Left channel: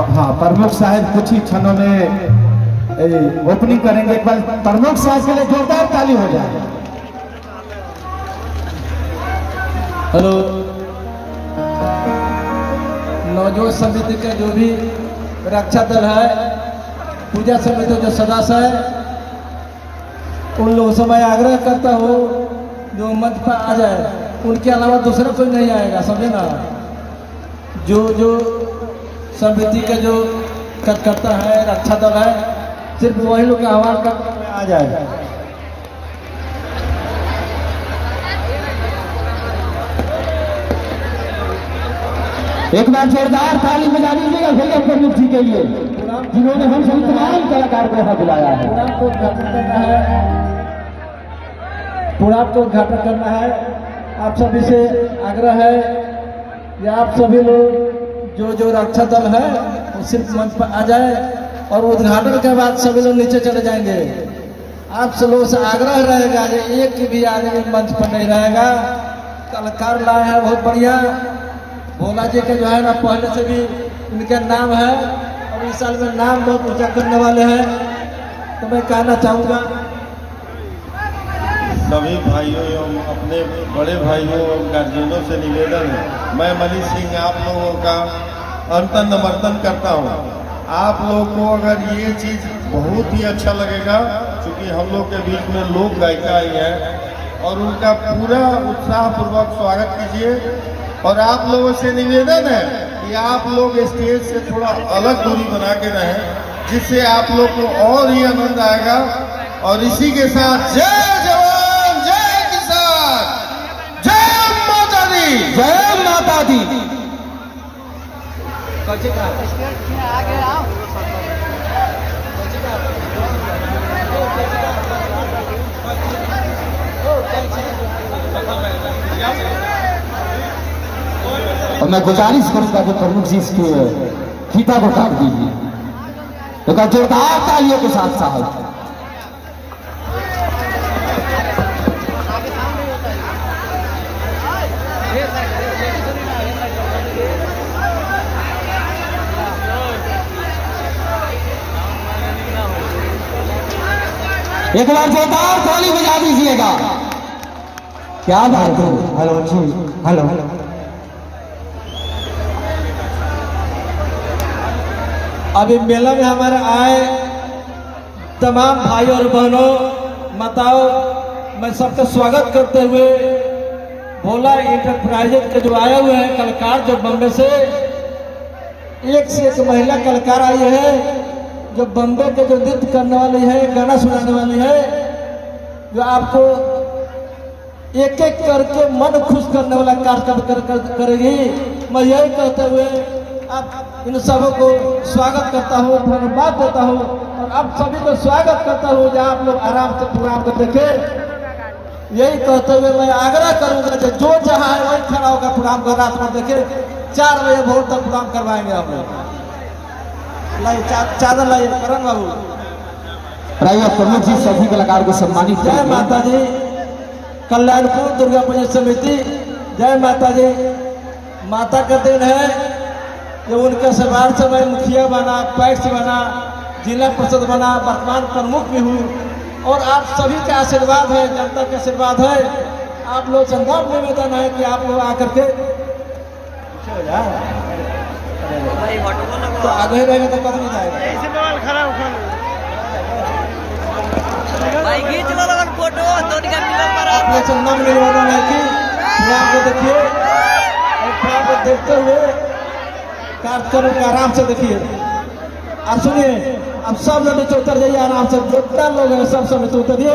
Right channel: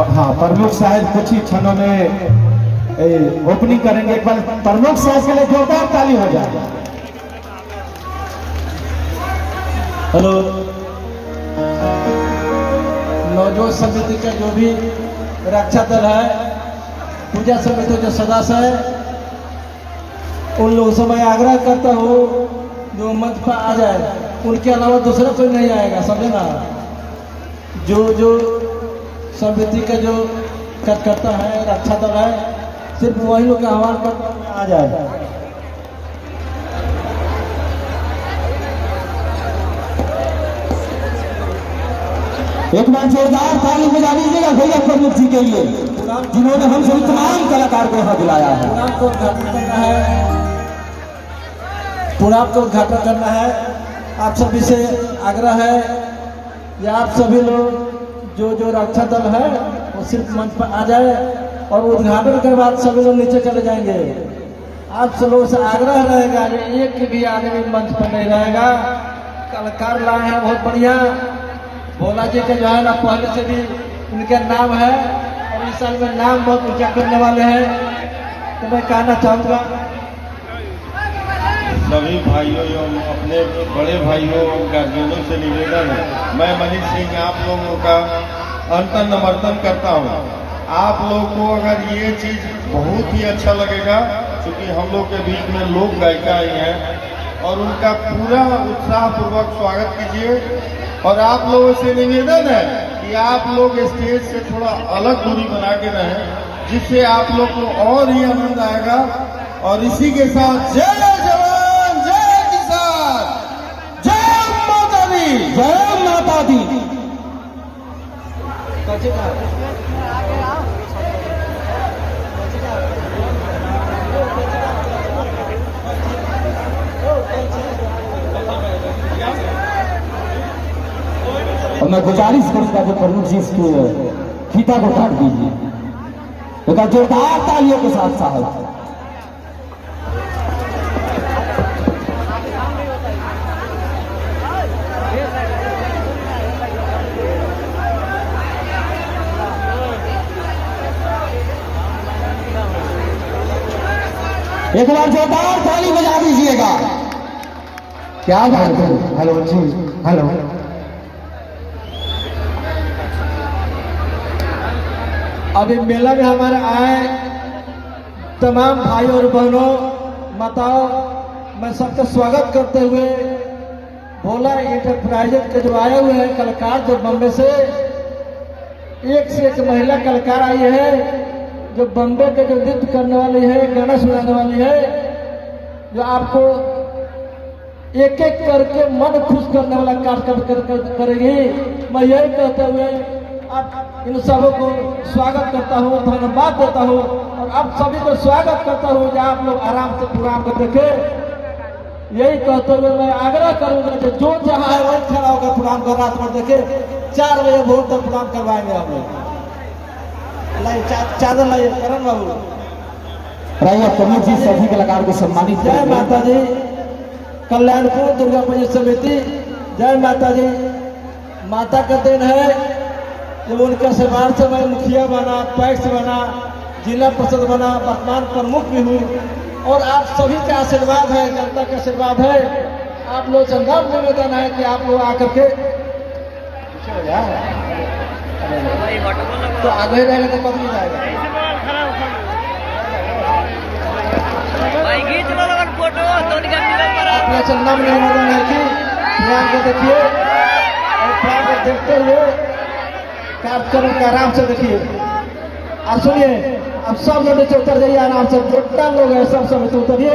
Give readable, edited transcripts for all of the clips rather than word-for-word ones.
हाँ, प्रमुख साहब कुछ ही क्षणों में ओपनिंग करेंगे। एक बार प्रमुख साहब के लिए जोरदार ताली हो जाए। हेलो, नवजोत समिति का जो भी रक्षा दल है, पूजा समिति जो सदस्य है, उन लोगों से मैं आग्रह करता हूँ जो मंच पर आ जाए, उनके अलावा दूसरा कोई नहीं आएगा, समझे ना। जो समिति का जो कार्यकर्ता है, रक्षा दल है, सिर्फ वही लोग का आह्वान करके आ जाए। एक बार जोरदार ताली बजा दीजिएगा भैया प्रमुख जी के लिए, जिन्होंने हम सभी तमाम कलाकार को यहाँ बुलाया है। प्रोग्राम को उद्घाटन करना है, प्रोग्राम को उद्घाटन करना है। आप सभी से आग्रह है या आप सभी लोग जो रक्षा दल है वो सिर्फ मंच पर आ जाए और उद्घाटन के बाद सभी लोग नीचे चले जाएंगे। आप सब लोगों से आग्रह रहेगा कि एक भी आदमी मंच पर नहीं रहेगा। कलाकार लाए हैं बहुत बढ़िया, भोला जी का जो है ना पहले से भी उनका नाम है और इस साल में नाम बहुत ऊंचा करने वाले हैं। तो मैं कहना चाहूँगा सभी भाइयों एवं अपने बड़े भाइयों और गार्जियनों से निवेदन है, मैं मनीष सिंह आप लोगों का अंतर समर्थन करता हूँ। आप लोग को अगर ये चीज़ बहुत ही अच्छा लगेगा, क्योंकि हम लोग के बीच में लोक गायिका आई हैं और उनका पूरा उत्साहपूर्वक स्वागत कीजिए। और आप लोगों से निवेदन है कि आप लोग स्टेज से थोड़ा अलग दूरी बना के रहें, जिससे आप लोग को और ही आनंद आएगा। और इसी के साथ जय जवान जय किसान, जय माता दी, जय माता दी। और मैं गुजारिश करूंगा कि प्रमुख जी इसके फीता को काट दीजिए, तो जोरदार तालियों के साथ साहब। एक बार जोरदार ताली बजा दीजिएगा। क्या बात है। हेलो जी, हेलो। अभी मेला में हमारा आए तमाम भाई और बहनों, माताओं, मैं सबका स्वागत करते हुए भोला इंटरप्राइजेज के जो आए हुए हैं कलाकार, जो बम्बे से एक महिला कलाकार आई है, जो बम्बे के जो नृत्य करने वाली है, गाना सुनाने वाली है, जो आपको एक एक करके मन खुश करने वाला कार्य करेगी। मैं यही कहते हुए आप इन सबों को स्वागत करता हूँ, धन्यवाद देता हूँ और आप सभी को स्वागत करता हूँ कि आप लोग आराम से प्रोग्राम को देखें। यही कहते हुए मैं आग्रह करूंगा कि जो जहाँ है वही खड़ा होकर प्रोग्राम को रात में देखे। 4 बजे भोर तक प्रोग्राम करवाएंगे हम लोग। चादर लाइए करण बाबू। प्रमुख जी सभी कलाकार को सम्मानित। जय माता जी, कल्याणपुर दुर्गा पूजा समिति, जय माता जी। माता का दिन है जो उनके समाज से मैं मुखिया बना, पैक्स बना, जिला परिषद बना, वर्तमान प्रमुख भी हूँ और आप सभी का आशीर्वाद है, जनता का आशीर्वाद है। आप लोग से नम्र निवेदन है कि आप लोग आकर के तो आगे रहेगा तो कभी नहीं जाएगा। अपने से नम्र निवेदन है कि प्रोग्राम को देखिए और प्रोग्राम को देखते हुए कार्यक्रम के आराम से देखिए। आप सुनिए, अब सब लोग नीचे उतर जाइए आराम से, जितना लोग हैं सब नीचे उतरिए,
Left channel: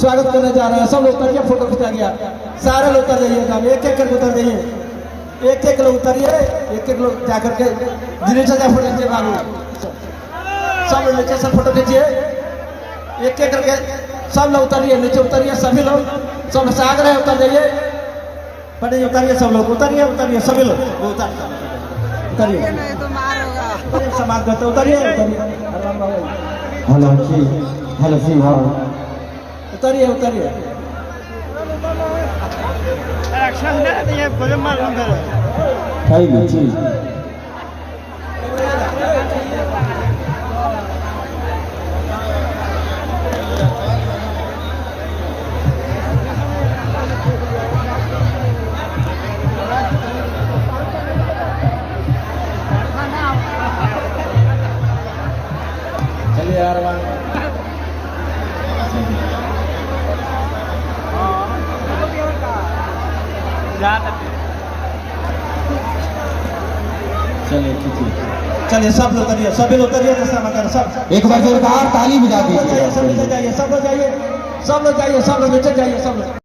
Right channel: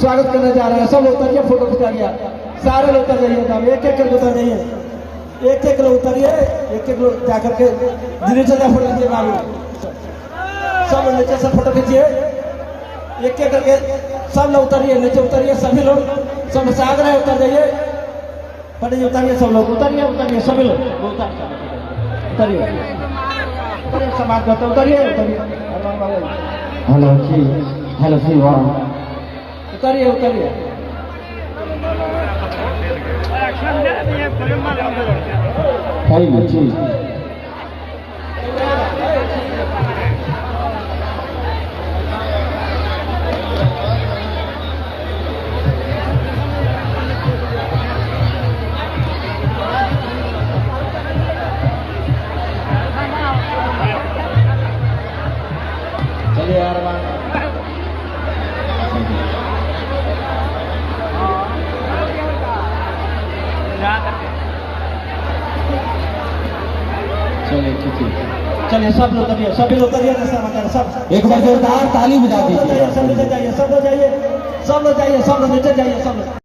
स्वागत करने जा रहे हैं। सब लोग उतरिए, फोटो खिंचा गया, सारे लोग उतर जाइए, सब एक एक करके उतर जाइए, एक एक लोग उतरिए, एक एक लोग जा करके नीचे जा फोटो खींचिए बाबू। सब लोग नीचे से फोटो खींचिए, एक एक करके सब लोग उतरिए, नीचे उतरिए, सभी लोग, सब से आग्रह उतर जाइए, पढ़िए उतरिए, सब लोग उतरिए, उतरिए सभी लोग उतरिए, उतरिए समाज करते उतरिए, उतरिए। हेलो जी, हेलो जी, उतरिए उतरिए। जी चलिए ठीक है, चलिए सब लोग उतरिए, सभी लोग उतरिए, सब एक बार जोरदार ताली बजा दीजिए। सब लोग जाइए, सब लोग जाइए, सब लोग जाइए, सब लोग नीचे जाइए, सब लोग